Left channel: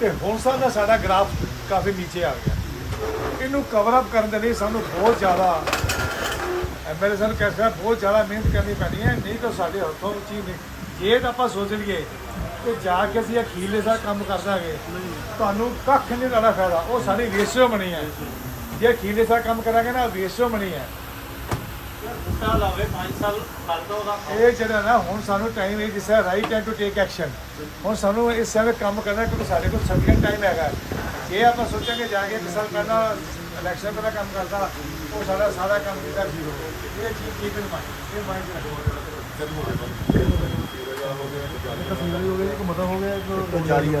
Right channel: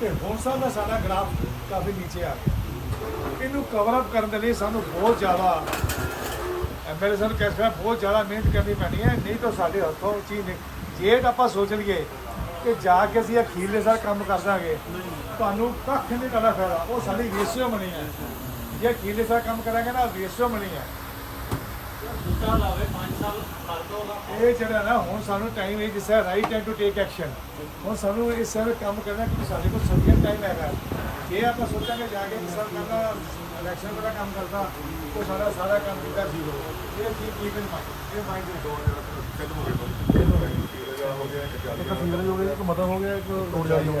ਤੇ ਹੁਣ ਸਾਡਾ ਸਾਡਾ ਗ੍ਰਾਫ ਕਾਫੀ ਨੀਚੇ ਆ ਗਿਆ। ਇਹਨੂੰ ਕਵਰ ਅਪ ਕਰਨ ਦੇ ਲਈ ਸਾਨੂੰ ਬਹੁਤ ਜ਼ਿਆਦਾ ਐਮਐਲਏ ਸਾਨੂੰ ਕਹਿ ਸਕਦਾ ਬਹੁਤ ਜ਼ਿਆਦਾ ਮਿਹਨਤ ਕਰਨੀ ਪੈਣੀ ਹੈ। ਨਹੀਂ ਤਾਂ ਸਾਡੇ ਹੱਥੋਂ ਉਹ ਚੀਜ਼ ਨਹੀਂ। ਜੇ ਤਾਂ ਆਪਾਂ ਸੋਚ ਲਈਏ ਕਿ ਜਾ ਕੇ ਅਸੀਂ ਅਖੀਰਲੇ ਸਾਲ ਕੰਮ ਕਰ ਦਾਂਗੇ, ਤੁਹਾਨੂੰ ਕੱਖ ਨਹੀਂ ਦਾ ਫਾਇਦਾ। ਉਹ ਸਾਡੀ ਰੇਸ਼ੋ ਬਣੀ ਹੈ। ਜੇ ਅਖੀਰਲੇ ਸਾਲ ਕੰਮ ਕਰਾਂਗੇ ਨਾ ਰੇਸ਼ੋ ਬਣੀ ਹੈ। ਇਹ ਜਿਹੜਾ ਨਾ ਹੁਣ ਸਾਨੂੰ ਟਾਈਮ ਹੈ ਜਿਸ ਹੈ right time to take action ਹੁਣ ਸਾਨੂੰ ਇਸ ਸਮੇਂ ਕੰਮ ਕਰਨਾ ਕਿਉਂਕਿ ਸਾਡੇ ਕੋਲ ਸਫੀਸ਼ੀਐਂਟ ਟਾਈਮ ਹੈਗਾ। ਜੇ ਆਪਾਂ ਸੋਚਾਂਗੇ ਜਾ ਕੇ ਸਾਲ ਪਹਿਲਾਂ ਇਲੈਕਸ਼ਨ ਪਹਿਲਾਂ ਕੰਮ ਕਰਦਾ ਉਹ ਸਾਡਾ ਸਾਰਾ ਕੰਮ ਕੀਤਾ ਜ਼ੀਰੋ ਇਹ ਚੀਜ਼ ਠੀਕ ਨਹੀਂ ਮਾਈਂਡ ਇਹ ਮਾਈਂਡ ਫੀਲਡ ਹੋ ਗਿਆ। ਇੱਕ ਮਤਾ ਹੋ ਗਿਆ ਇੱਕ ਰੋਡ ਜਾਰੀ ਹੈ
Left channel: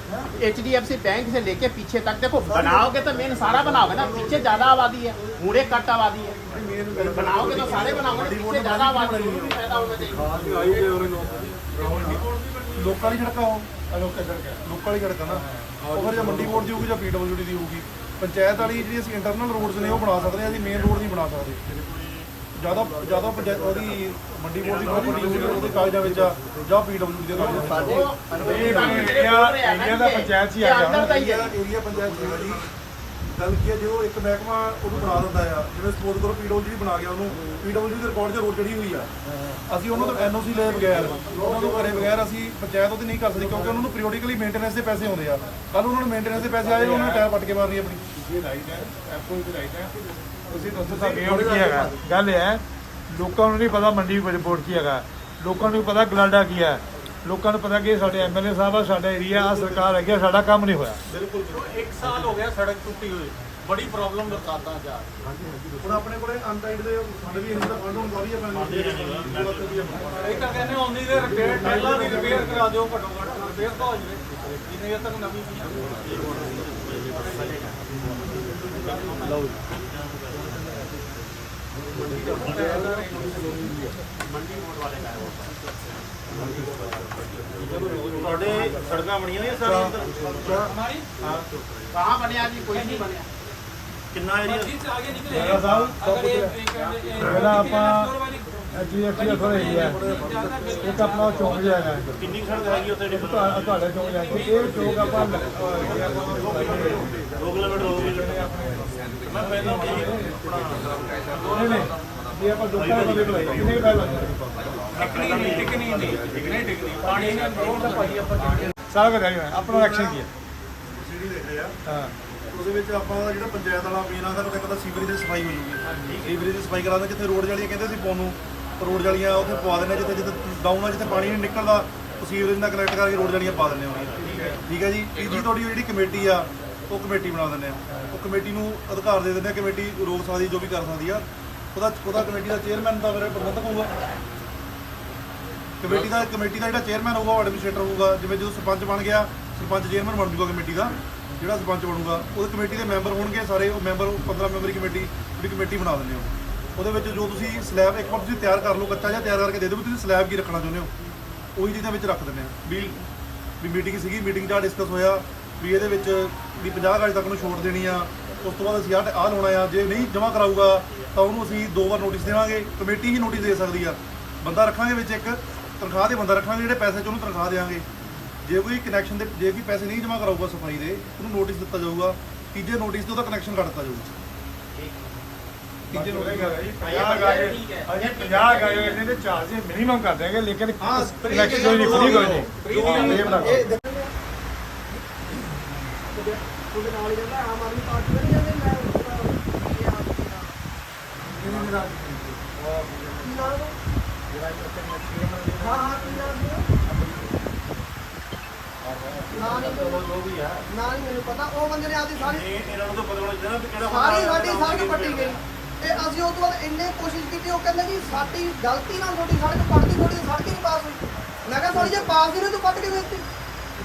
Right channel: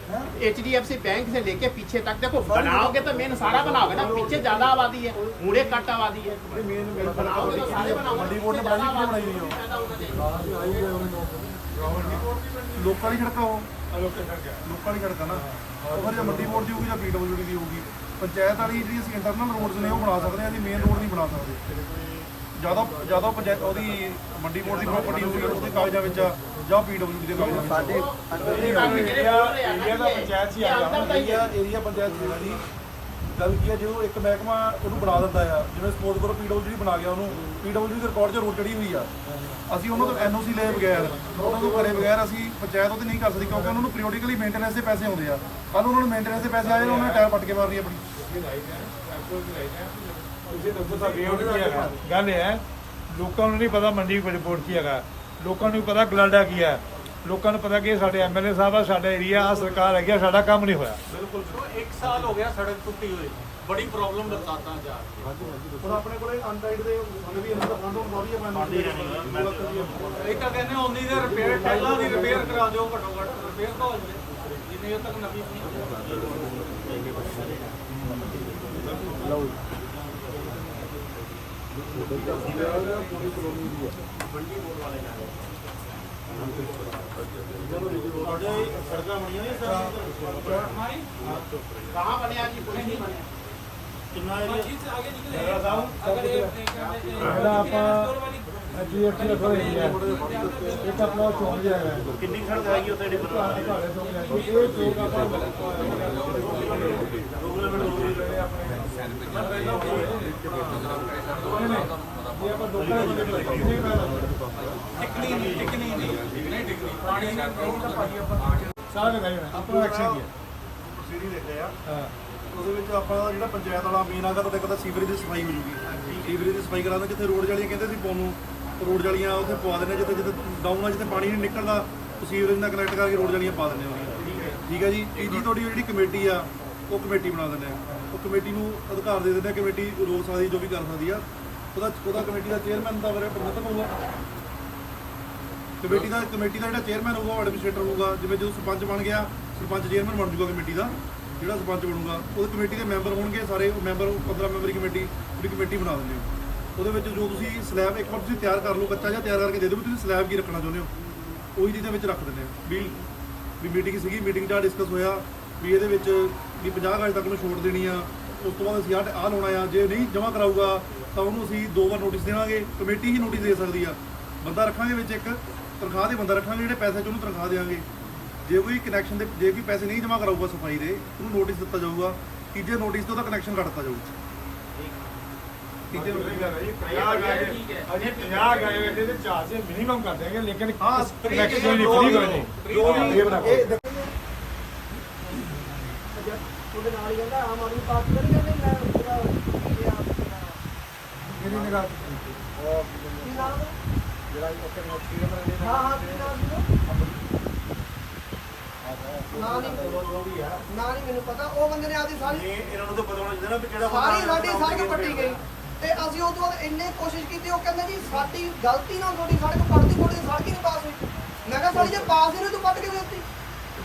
H D F C bank से लेके पीछे तक देखो बनाओगे तो मेन सारा बनाओगे ना पीछे ज्यादा आबादी है पूरे कट आबादी है बनाओगे तो सारे बनाओगे पीछे ज्यादा आबादी है उसमें पैदा होना चाहिए ਲੋਕਾਂ ਦੀ ਸੜਕਾਂ ਉਹ ਲੋਕਾਂ ਦੀ ਸੜਕਾਂ ਨਾ ਉਹ ਫਿਰ ਜੇ ਮੰਡੀ ਬੋਰਡ ਦੀ ਹੋਊਗੀ ਜਾਂ ਪੀਡਬਲਯੂਡੀ ਦੀ ਹੋਊਗੀ ਪੰਚਾਇਤ ਵਾਲੀ ਜਿਹੜੀ ਅਸੀਂ ਇੰਟਰਨਲ ਰੋਡਸ ਨੇ ਉਹ ਬਣਾ ਸਕਦੇ ਹਾਂ ਅਸੀਂ ਮੇਨ ਰੋਡ ਨਹੀਂ ਬਣਾ ਸਕਦੇ ਜ਼ਿਆਦਾ ਜ਼ਿਆਦਾ ਪੰਚਾਇਤ ਉਹਦੀ ਮੰਡੀ ਬੋਰਡ ਦੀ ਪ੍ਰਾਪਰਟੀ ਹੋਊਗੀ ਉਹਦੇ ਕਾਗਜ਼ਾਂ ਵਿੱਚ ਆ ਜਾਂ ਪੀਡਬਲਯੂਡੀ ਦੇ ਕਾਗਜ਼ਾਂ ਵਿੱਚ ਇਹ ਏਰੀਆ ਦਾ ਪੰਚਾਇਤ ਹੀ ਆ ਗਿਆ ਏਰੀਆ ਏਰੀਆ ਪੰਚਾਇਤ ਦੀ ਗੱਲ ਕੀ ਹੈ ਜੇ ਉਹ ਇੱਕ ਮਹਿਕਮਾ ਉਹਨੂੰ ਬਣਾ ਦਿੰਦਾ ਆ ਜਿਵੇਂ ਸਪੋਰਟ ਕਰੋ ਪੀਡਬਲਯੂ ਬਣਾ ਗਿਆ ਉਹਨੂੰ। ਪੀਡਬਲਯੂ ਦੇ ਰਿਕਾਰਡ 'ਚ ਰੋਡ ਚੜੀ ਹੋਈ ਆ। ਅਸੀਂ ਉਹਨਾਂ ਤੋਂ ਐਨਓਸੀ ਲਏ ਬਗੈਰ ਉਹਨਾਂ ਤੋਂ ਕਰੇ ਬਗੈਰ ਅਸੀਂ ਪੰਚਾਇਤ ਉਹਦੀ ਨਹੀਂ ਕਰ ਸਕਦੀ ਕਿਉਂਕਿ ਉਹਨਾਂ ਨੂੰ ਪੀਰੀਓਡਿਕਲੀ ਮੇਨਟੇਨੈਂਸ ਦੇ ਪੈਸੇ ਆਉਂਦੇ ਆ। ਕੱਲ ਉਹਨਾਂ ਨੂੰ ਮੇਨਟੇਨੈਂਸ ਦੇ ਪੈਸੇ ਆਏ ਉਹਨਾਂ ਨੇ ਟਾਇਰ ਪੱਟ ਕੇ ਮਾਰਨੀ ਆਪਣੀ। ਹੈਗਾ। ਗੱਲ ਇਹ ਹੈ ਲੋਕਾਂ ਨੂੰ ਨਹੀਂ ਪਤਾ ਮੰਡੀ ਵਿੱਚ ਬੋਰਡ ਕੀ ਹੈਗਾ। ਲੋਕਾਂ ਨੂੰ ਪਤਾ ਗਲਾਡਾ ਕੀ ਹੈ। ਲੋਕਾਂ ਨੂੰ ਪਤਾ ਕਿ ਸਾਡੇ ਐਮਐਲਏ ਸਾਹਿਬ ਆ ਸਾਡਾ ਏਰੀਆ ਆ ਸਰਕਾਰ ਹੈਗੀ ਆ ਸਾਡਾ ਕੰਮ ਨਹੀਂ ਹੋਇਆ। ਬਿਲਕੁਲ ਇੱਕ ਸਾਲ ਹੋ ਗਿਆ ਸੜਕ ਟੁੱਟੀ ਹੋਈ। ਬੜੀ ਪ੍ਰੋਬਲਮ ਬਰਸਾਤਾਂ ਚ ਆ ਰਹੀ ਹੈ। ਹੁਣ ਆਪਣੇ ਕੋਲੇ ਅਨਟਾਈਡ ਦੇ ਸਾਡੇ ਵੀ ਇਹਨਾਂ ਦਾ ਫੰਡ ਹੁਣ ਵਧੀਆ ਪੈਂਦਾ ਇਹ ਤਾਂ ਕਹਿੰਦੇ ਉਹਦੀ ਦੇ ਰਿਪੇਅਰ ਪਹਿਲਾਂ ਦੀ ਰਿਪੇਅਰ ਕਰਾ ਦਿਓ ਘੱਟੋ ਘੱਟ ਰਿਪੇਅਰ ਤਾਂ ਹੋ ਜਾਵੇ। ਦੇਰ ਤੱਕ ਨਵੀਂ ਬਣੀ ਲਓ ਤੁਹਾਡੇ ਸੜਕਾਂ ਬਣੀਆਂ ਹੋਈਆਂ ਸਰ ਕਹਾਂ ਬਣਿਆ ਜੀ ਕੋਈ ਨਹੀਂ ਬਣਿਆ ਕਿੰਨਾ ਏਰੀਆ ਜੀ ਸੇ ਆਗੇ ਨਿਕਲੇ ਸਾਹਿਬ ਪਹਿਲਾਂ ਆਪਾਂ ਐਚਡੀਐਫਸੀ ਅਥਰ ਏਰੀਆ ਇੱਕ ਆਪਣਾ ਉਹ ਚੌਂਕ ਜਿਹਾ ਹੈਗਾ। ਕਿੰਨੀ ਸੜਕ ਹੈਗੀ ਉੱਥੇ ਜਿਹੜੀ ਤੁਹਾ- ਤੁਹਾਡੇ ਚੌਂਕ ਜਿਹਾ ਇਹ ਚੌਂਕ ਆਪਾਂ ਇਹ ਆਪਾਂ ਲੋਕਾਂ ਨੂੰ ਦੇ ਬੁਲਾਈ ਕਿੰਨੀ ਗੱਲ ਹੈ ਟਿਕਣੀ ਨਹੀਂ ਟਿਕਣੀ ਨਹੀਂ। ਟਿਕਣੀ ਟਿਕਣੀ। ਪਾਣੀ ਨੇ ਰੋਡ ਦਾ ਪਾਈ ਆਪਾਂ ਸਾਰਾ ਹੈ ਆਪਣਾ ਐਕਸ਼ਨ ਕੀ ਹੈ ਸੀੜੀ ਦੇਖ ਰਹੇ ਆ। ਹਾਂ। ਉਹਦੇ ਵਿੱਚ ਆਪਾਂ ਦਾ ਜਿਹੜਾ ਪੰਚਾਇਤ ਵਾਲਾ ਵੀਰ ਆਂਦਾ ਤਾਂ ਕਦਾ ਸੀਵਰੇਜ ਦੀ ਸਫ਼ਾਈ ਹੋ ਜੂਗੀ। ਸੀਵਰੇਜ ਦੀ ਸਫ਼ਾਈ ਕਰਾਉਂਦੇ ਜਿੱਥੇ ਰੋਡ ਜਾਲੀਆਂ ਕਹਿੰਦੇ ਸੀ ਪਾਉਣ ਨੂੰ ਰੋਡ ਜਾਲੀਆਂ ਉੱਥੇ ਪਵਾ ਦਿੰਦੇ ਜਿੱਥੇ ਜਿੱਥੇ ਡਾਊਨ ਆ ਜਿੱਥੇ ਪਾਣੀ ਨਹੀਂ ਨਿਕਲਦਾ ਉਹ ਸੀਵਰੇਜ ਨਾਲ ਕਨੈਕਟ ਕਰਕੇ ਰੋਡ ਜਾਲੀਆਂ ਪਾ ਦਿੰਦੇ ਹੁੰਦੀਆਂ ਠੀਕ ਹੈ ਜੀ? ਇਹ ਜੀ ਤੁਹਾਡੀ ਜਿਹੜੀ ਕਮੇਟੀ ਆ ਉਹ ਕਮੇਟੀ ਬਣਾ ਦਿੰਦੇ ਆ। ਉਹ ਕਮੇਟੀ ਨੂੰ ਅਧਿਕਾਰ ਦੇ ਦਿੰਦੇ ਆ ਕਮੇਟੀ ਰੋਕ ਸਕਦੀ ਜੋ ਵੀ ਕਰ ਸਕਦੀ ਆ। ਉਹਦਾ ਉਹਦਾ ਕਮੇਟੀ ਦਾ ਚੇਅਰਮੈਨ ਦਾ ਫਿਰ ਪ੍ਰਬੰਧਕ ਹੋਊਗਾ। ਕਮੇਟੀ ਦਾ ਕਮੇਟੀ ਦਾ ਜਿਹੜਾ ਚੇਅਰਮੈਨ ਹੋਊਗਾ ਉਹ ਐਡਮਿਨਿਸਟ੍ਰੇਟਰ ਹੋਊਗਾ। ਜਿਵੇਂ ਜਦੋਂ ਸਰਪੰਚ ਬਣ ਗਿਆ ਸਰਪੰਚ ਚੇਅਰਮੈਨ ਬਣ ਜੂਗਾ ਕਮੇਟੀ ਦਾ। ਜਿਹੜਾ ਸਰਪੰਚ ਬਣੂਗਾ ਉਹਦੇ ਕਮੇਟੀ ਦੇ ਮੈਂਬਰ ਹੋਣਗੇ ਸਾਰੇ ਉਹ ਮੈਂਬਰ 15 ਮੈਂਬਰੀ ਕਮੇਟੀ ਉਹਦੀ ਕਮੇਟੀ ਬਣਾ ਦਿੰਦੇ ਹੋ ਉਹਦੇ ਵਿੱਚ ਜੋ ਤੁਸੀਂ ਸਲੈਬ ਇੱਕ ਵਾਰ ਤੁਸੀਂ ਤਿਆਰ ਕਰ ਲਓ, ਕੱਚਾ ਜਿਹਾ ਤਿਆਰ ਕਰਕੇ ਦੇ ਦਿਓ ਵੀ ਤੁਸੀਂ ਸਲੈਬ ਕੀ ਰੱਖਣਾ ਚਾਹੁੰਦੇ ਹੋ। ਉਹੀ ਚੀਜ਼ਾਂ ਵਿੱਚ ਰੱਖ ਦਿੰਦੇ ਆ ਵੀ ਵੀ ਮੀਟਿੰਗ ਸੀਗੀ ਮੀਟਿੰਗ 'ਚ ਡਿਸਕਸ ਹੋਇਆ ਵੀ ਇਹਦੇ ਵਿੱਚ ਵੀ 50 ਗਜ ਤੱਕ ਨੂੰ ਛੋਟ ਦੇਣੀ ਆ। ਉਸ ਤੋਂ ਬਾਅਦ ਅਸੀਂ ਆਹ ਆਹ ਲਾਉਣਾ ਆ। ਜੇ ਨਹੀਂ ਜਮ੍ਹਾਂ ਕਰਾਊਗਾ, ਤਾਂ ਉਹਨੂੰ ਅਸੀਂ ਦੋ ਵਾਰ ਨੋਟਿਸ ਦੇਵਾਂਗੇ। ਕਮੇਟੀ ਹੀ ਨੋਟਿਸ ਦੇ ਸਕਦੀ ਆ। ਬੰਦਾ ਰੱਖਾਂਗੇ ਵਿੱਚ ਇੱਕ, ਤਨਖਾਹ ਦੇ ਬੰਦਾ ਰੱਖਾਂਗੇ, ਜਿਹੜੇ ਪੈਸੇ ਚ ਉਹਨੂੰ ਤਨਖਾਹ ਦੇਵਾਂਗੇ। ਜੇ ਕੋਈ ਕਨੈਕਸ਼ਨ ਦੇ, ਜੇ ਕੋਈ ਪੈਸੇ ਨਹੀਂ ਜਮ੍ਹਾਂ ਕਰਾਊਗਾ ਸਫ਼ਾਈ ਦੇ, ਉਹਨੂੰ ਨੋਟਿਸ ਦਿੱਤਾ ਜਾਊਗਾ। ਤੀਜੇ ਨੋਟਿਸ ਤੇ ਉਹਦਾ ਕਨੈਕਸ਼ਨ ਕੱਟ ਦਿੱਤਾ ਜਾਊਗਾ ਤੀਜੇ ਨੋਟਿਸ ਅਜੇ 50 ਗਏ ਇਹਦੇ ਵਿੱਚ ਚਾਰਜ ਮਿਨੀਮਮ ਕਰ ਦੇਗੇ ਲੇਕਿਨ ਹਾਂ, ਕੋਈ ਨਹੀਂ ਫ੍ਰੀ ਕੋਈ ਨਹੀਂ। ਇਹ ਬਣਾ ਕੇ ਤੁਹਾਡੇ ਨਾਲ ਹੀ ਜਾਂਦਾ ਆਮ ਆਦਮੀ ਪਾਰਟੀ ਦਾ ਨਹੀਂ ਕਹਿੰਦੇ ਮੈਂ ਪੂਰਾ ਇਹ ਆਪ ਇਹ ਮੇਰਾ ਕੀ ਨਾਮ ਹੈ? ਜਿਹੜਾ ਉੱਥੇ ਸੀਐਮ ਹਾਂ ਹਾਂ ਕੀ ਨਾਮ ਨਾ ਹੈ ਨਾ ਨਹੀਂ ਮੈਨੂੰ ਪਤਾ। ਉਹ ਬੰਦੇ ਨੇ ਆਪਦੀ ਸਾਰੀ ਇਹ ਇਹਨਾਂ ਨੂੰ ਤਾਂ ਪਤਾ ਹੋਣਾ ਚਾਹੀਦਾ ਨਾ ਵੀ ਕਿਹੜਾ ਸਾਰੀ ਸਾਡੀ ਸੜਕ ਪੱਟੀ ਗਈ। ਤੇ ਅਸੀਂ ਉਸ ਤੋਂ ਬਾਅਦ ਇੰਨੇ ਕੋਸ਼ਿਸ਼ ਕੀਤੀ ਉਹ ਕਹਿੰਦੇ ਜੀ ਸਾਡੀ ਗਲਤੀ ਨਾਲ ਤੁਹਾਡੀ ਸੜਕ ਪੱਟਦੀ ਤੁਹਾਡੀ ਸੜਕ ਹੀ ਨਹੀਂ ਪਾਸ ਹੋਈ। ਮੈਂ ਕਿਹਾ ਸਾਲੀ ਜੇ ਪਾਸ ਨਹੀਂ ਤੂੰ ਪੱਟ ਕੇ ਦਿੱਤੀ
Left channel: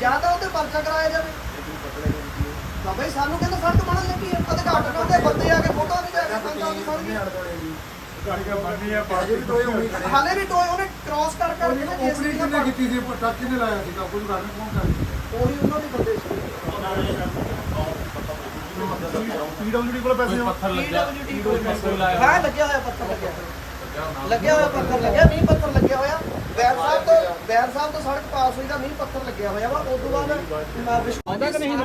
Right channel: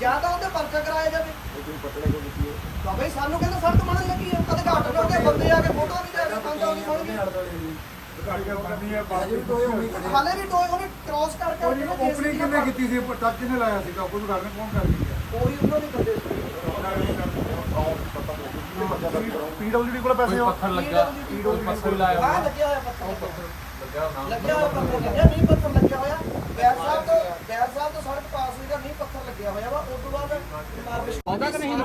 ਜਾਂ ਤਾਂ ਉਹਤੇ ਪਰਚਾ ਕਰਾਇਆ ਜਾਵੇ। ਤਾਂ ਬਈ ਸਾਨੂੰ ਕਹਿੰਦਾ ਸੜਕ ਬਣਨ ਲੱਗੀ ਹੈ ਕਦੇ ਘਾਟ ਲਾਉਂਦੇ ਬੰਦੇ ਆ ਕੇ ਫੋਟੋ ਵੀ ਜਾ ਕੇ ਸੰਤਾਂ ਦੀ ਗਈ ਹਾਲੇ ਵੀ ਟੋਏ ਉਹਨੇ ਕ੍ਰਾਸ ਕਰ ਕਰ ਕੇ ਨਾ ਜੇਸੀਬੀ ਨਾਲ ਪੱਟ- ਕੀਤੀ ਸੀ ਟੱਚ ਨੇ ਲਾਇਆ ਸੀ ਕੋਈ ਗੱਲ ਨਹੀਂ ਕੌਣ ਕਰ ਉਹੀ ਉਹਨਾਂ ਦੀ ਬੰਦੇ ਸੀ। ਪੀਡਬਲਯੂਡੀ ਕੋਲ ਪੈਸੇ ਹੋ PWD ਕੋਲ ਹਾਂ ਲੱਗਿਆ ਹੋਇਆ ਪੱਥਰ ਲੱਗਿਆ। ਲੱਗਿਆ ਹੋਇਆ ਪੱਥਰ ਲੱਗਿਆ ਮੀਂਹ ਪੱਥਰ ਲੱਗਿਆ ਹੋਇਆ। ਬੈਰ ਸਾਹਿਬ ਤੋਂ ਬੈਰ ਸਾਹਿਬ ਤੋਂ ਸੜਕ ਪਾਸ ਹੋਈ ਦਾ ਮੀਂਹ ਪੱਥਰ ਲੱਗਿਆ ਹੋਇਆ ਵਾ। ਉਸ ਤੋਂ ਬਾਅਦ ਆਉਂਦਾ ਕਿ ਨਹੀਂ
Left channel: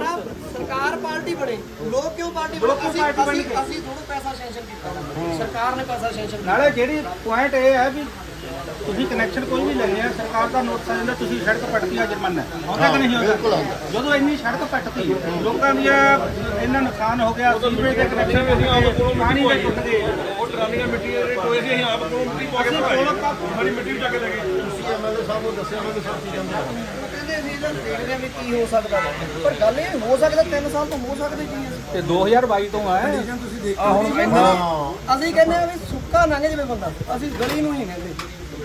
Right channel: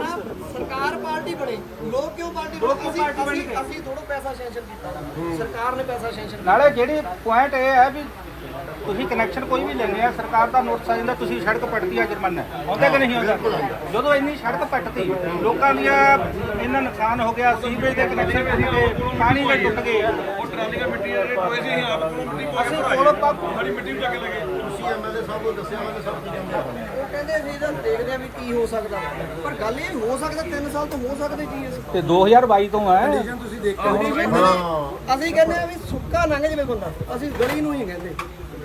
ਸਰਕਾਰ ਪਾਰਟੀ ਬਣੇ। ਲੋਕ ਕਿਉਂ ਪਾਰਟੀ ਬਣੇ? ਅਸੀਂ ਅਸੀਂ ਥੋੜਾ ਪੈਸਾ ਸੈਂਕਸ਼ਨ ਕੀਤਾ। ਸਰਕਾਰ ਨੇ ਪੈਸਾ ਸੈਂਕਸ਼ਨ ਨਾਲੇ ਜਿਹੜੀ ਪੁਆਇੰਟ ਇਹ ਹੈ ਵੀ ਤੁਸੀਂ ਕਨੈਕਸ਼ਨ ਕੋਈ ਵੀ ਲੈਣੇ ਆ ਸਰਕਾਰ ਦਾ ਨੋਟਿਸ ਆ ਜਾਂਦਾ ਤੁਸੀਂ ਸੜਕ ਪੱਟਦੀ ਆ ਜੁਰਮਾਨਾ। ਆਉਂਦਾ ਕਿ ਨਹੀਂ ਆਉਂਦਾ? ਜਦੋਂ ਇੰਨੀ ਸੜਕ ਪੱਟਤੀ ਲੋਕਾਂ ਦੀਆਂ ਇੰਨਾ ਨੁਕਸਾਨ ਹੋ ਗਿਆ ਸੀਵਰੇਜ ਦੇ ਕਨੈਕਸ਼ਨ ਵੀ ਗਏ ਪਾਣੀ ਦੇ ਟੁੱਟ ਗਏ। ਉਹ ਟਰਾਲੀਆਂ ਮਿੱਟੀ ਦੇ ਟੋਏ ਸੀ ਅਸੀਂ ਆਪ ਕੋਲੋਂ ਮਿੱਟੀ ਪਾ ਕੇ ਕੋਲੋਂ ਸਾਰੀ ਮਿੱਟੀ ਵੀ ਜਾ ਕੇ ਲੈ ਗਏ। ਤੁਸੀਂ ਐਮਐਲਏ ਸਾਹਿਬ ਨੂੰ ਦੱਸਿਆ ਐਮਐਲਏ ਸਾਹਿਬ ਕੀ ਕਹਿੰਦੇ ਉਹ ਕਹਿੰਦੇ ਅਸੀਂ ਤਾਂ ਦੇਖਦੇ ਆ ਵੀ ਕੀ ਹੋ ਸਕਦਾ। ਪਰ ਗੱਲ ਇਹ ਹੋ ਸਕਦਾ 3 ਸਾਲ ਤੋਂ ਹੋ ਸਕਦੇ ਕੀ ਹੈ? ਤੇ 2022 ਤੋਂ ਆ। ਅਸੀਂ ਕਹਿੰਦੇ ਆ ਵੀ ਸੁੱਕਾ ਲੰਘ ਜਵੇ ਬੰਦਾ। ਅਸੀਂ ਗਲੀ ਨੂੰ ਹੀ ਕਹਿੰਦੇ।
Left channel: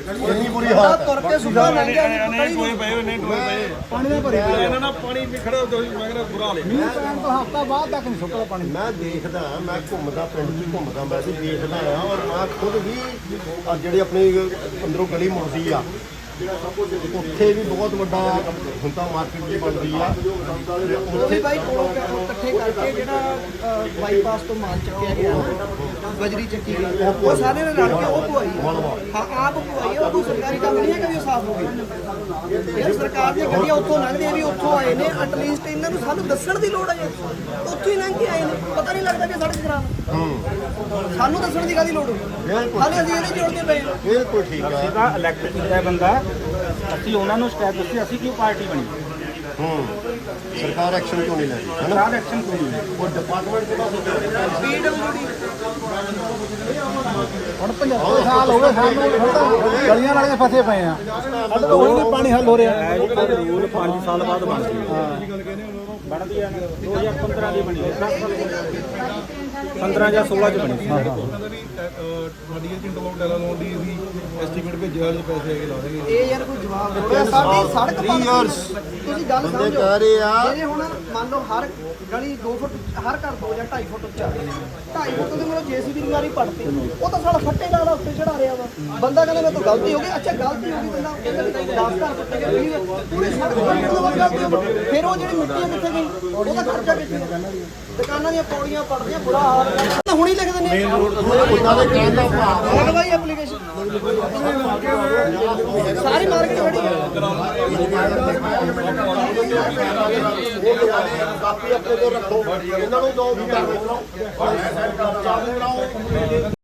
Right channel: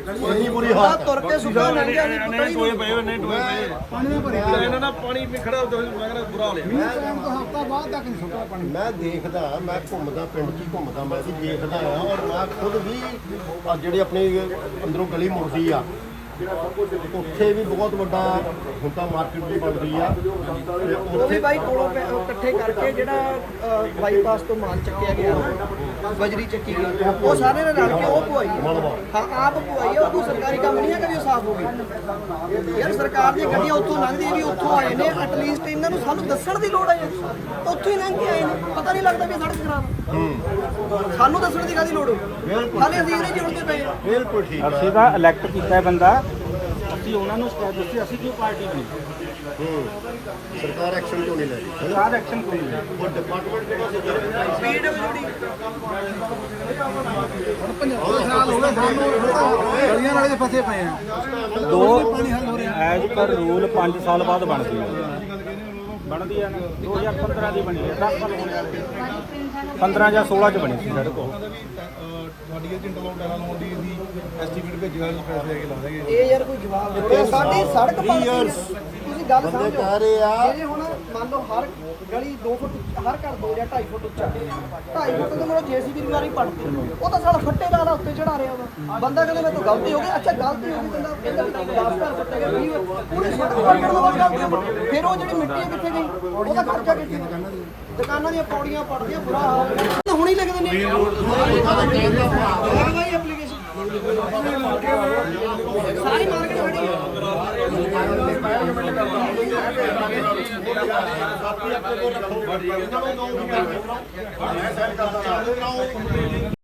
ਇੰਨੀ ਬੁਰੀ ਬੰਦਾ ਹਾਲਤ ਤੁਰ ਕੇ ਸੁੱਕਾ ਲੰਘ ਗਿਆ ਵੀ ਗਲੀ ਨੂੰ ਪਏ ਹੋਏ ਨੇ ਟੋਏ ਪਏ ਇਹਨਾਂ ਨਾਲ ਪਾਣੀ ਵੀ ਖੜਾ ਹੋ ਮੈਂ ਕਹਿੰਦਾ ਬੁਰਾ ਹਾਲ ਹੈ ਮੈਂ ਦੇਖਦਾ ਮੈਂ ਘੁੰਮਦਾ ਪਿੰਡ 'ਚ ਘੁੰਮਦਾ ਮੈਂ ਵੀ ਦੇਖਦਾ ਆ ਔਰ ਮੈਂ ਖੁਦ ਵੀ ਜਿਹੜੀ ਆਪਣੀ ਅੰਦਰੋਂ ਗਲੀ ਮੁੜਦੀ ਆ ਉੱਥੇ ਵੀ ਬਹੁਤ ਵੱਡਾ ਤਾਂ ਮਾਰਕੀਟ ਵੀ ਬਣ ਗਈ ਆ। ਤੇ ਉਹ ਵੀ ਉੱਥੇ ਬਾਈ ਕੋਲੋਂ ਪੈ- ਉਹ ਇਕੱਠੇ ਕਰਕੇ ਜਿਹੜਾ ਬਾਈਪਾਸ ਤੋਂ ਮਾਲ ਚੱਕਿਆ ਗਿਆ ਨਾ ਬਜਰੀ ਚੱਕੀ ਗਈ। ਉਹ ਸਾਰੇ ਨੇ ਰਲ ਕੇ ਉਹ ਪੁਆਈ ਹਾਂ ਆਪ ਪੁਆਈ ਆ ਉਹ ਕੋਈ ਸਰਕਾਰੀ ਕੰਮ ਨਹੀਂ ਵੀ ਉਹ ਸਾਫ਼ ਹੋ ਗਈ ਯਾਰ ਸਰਕਾਰ ਦੀਆਂ ਗੱਡੀਆਂ ਉੱਥੋਂ ਲੰਘਦੀਆਂ ਵੀ ਉੱਥੋਂ ਆਏ ਨੇ ਐਟਲੀਸਟ ਇਹਨਾਂ ਨੂੰ ਸਾਨੂੰ ਦੱਸਣ ਦੀ ਲੋੜ ਹੈ ਯਾਰ। ਉੱਥੋਂ ਹੀ ਲੰਘ ਕੇ ਆਏ ਨੇ। ਪਤਾ ਨਹੀਂ ਲੱਗਦਾ ਵੀ ਇਹ ਸੜਕ ਖਰਾਬ ਆ। ਸਾਨੂੰ ਦੱਸਣ ਦੀ ਕਾਹਦੀ ਲੋੜ? ਬਿਲਕੁਲ। ਹਾਲੇ ਅਸੀਂ ਇਹਦੇ ਜੋੜਦੇ ਪਏ ਹਾਂ। ਬਿਲਕੁਲ ਠੀਕ ਆ। ਸੀਗਾ ਇਲੈਕਟ ਕੀਤਾ ਬੰਦਾ। ਅਸੀਂ ਉਹਨਾਂ ਨੂੰ ਸ਼ਿਕਾਇਤ ਦਿੱਤੀ ਅਸੀਂ ਕਿਉਂ ਪਾਰਟੀ ਬਣੀ? ਹੂੰ। ਸਰਕਾਰ ਐਕਸ਼ਨ ਕਿਉਂ ਨਹੀਂ ਲੈ ਰਹੀ ਹੈ ਨਾ ਸਰਕਾਰ ਐਕਸ਼ਨ ਕਿਉਂ ਨਹੀਂ ਲੈ ਰਹੀ? ਉਹ ਡਿਪਾਰਟਮੈਂਟ ਜਿਹੜਾ ਸੀ। ਪੀਡਬਲਯੂਡੀ ਗਲੀਆਂ ਨਾਲ ਦੇ ਫਸੇ ਪਏ ਆ। ਪਾਣੀ ਹੱਲ ਹੋ ਰਿਹਾ। ਹੈ ਰੂਲ 5 ਸਾਲ ਬਾਅਦ ਬਣਦੀ ਹੈ। ਬਣਦੀ ਆ 2015 ਦੀ ਬਣੀ ਹੈ 10 ਸਾਲ ਹੋ ਗਏ। 15 ਜਾਂ 16 ਚ ਬਣੀ। ਸੀ ਕਹਿੰਦਾ ਵੀ ਤੁਹਾਡੀ ਇਹ ਇੰਟਰਲੋਕ ਡੈਲਾ ਲਾਉਣ ਦੀ ਐਸਟੀਮੇਟ ਭੇਜਿਆ ਪੈਸੇ ਆ ਕੇ ਲਾ ਦੇਗੇ ਇਹ ਯਾਰ ਕੋਈ ਜਵਾਬ ਦਿਓ ਸਾਡੀ ਸੜਕ ਪਰ ਤੁਸੀਂ ਗੱਲ ਸਮਝੋ। ਕਹਿ ਰਹੇ ਆ। ਜਿਹੜੇ ਹੁਣ ਮੰਨ ਲਓ ਹਰ ਗਲੀ 2 ਫੁੱਟ ਹਰ ਘਰ 2 ਜਾਂ 2.5 ਫੁੱਟ ਉੱਚਾ। 2.5 ਫੁੱਟ ਤੇ ਮੈਨੂੰ ਜੀਸੀਬੀ ਦੀ ਵਾਰੀ ਪੜਤੀ ਉਹ ਤਾਂ ਸਾਲਾ ਫੱਟੇ ਨਾਲ ਉੱਤੇ ਚੜਾ ਰਿਹਾ ਵਾ। ਬੰਦਾ ਕਹਿੰਦਾ ਮੇਰੇ ਤੋਂ ਗਲਤੀ ਹੋ ਗਈ। ਅੱਛਾ ਗਲਤੀ ਹੋ ਗਈ ਬੰਦਾ ਕਹਿੰਦਾ ਵੀ 10 ਘਰ ਟੁੱਟ ਗਏ। ਵੀਹ ਪੂਰੀ ਸੜਕ ਪੱਟਣ ਤੋਂ ਬਾਅਦ ਗਲਤੀ ਹੋ ਗਈ। ਫਿਰ ਉਹ ਜਿਹੜੀ ਮਿੱਟੀ ਹੈ ਕਿੱਥੇ ਗਈ? ਉਹਦਾ ਖਰਚਾ ਕਿੱਥੇ ਹੈ? ਦੁਕਾਨਾਂ ਦੀਆਂ ਪੌੜੀਆਂ ਪੜਦੀਆਂ, ਬੁਰਾ ਹਾਲ ਹੈ। ਹੁਣੀ ਲਿਖ ਦਿੰਦੇ ਮੇਨ ਹੁਣ ਬਾਈ ਐਪਲੀਕੇਸ਼ਨ ਸਾਰੀ ਮਾਰਕੀਟ ਖੜੀ ਹੈ।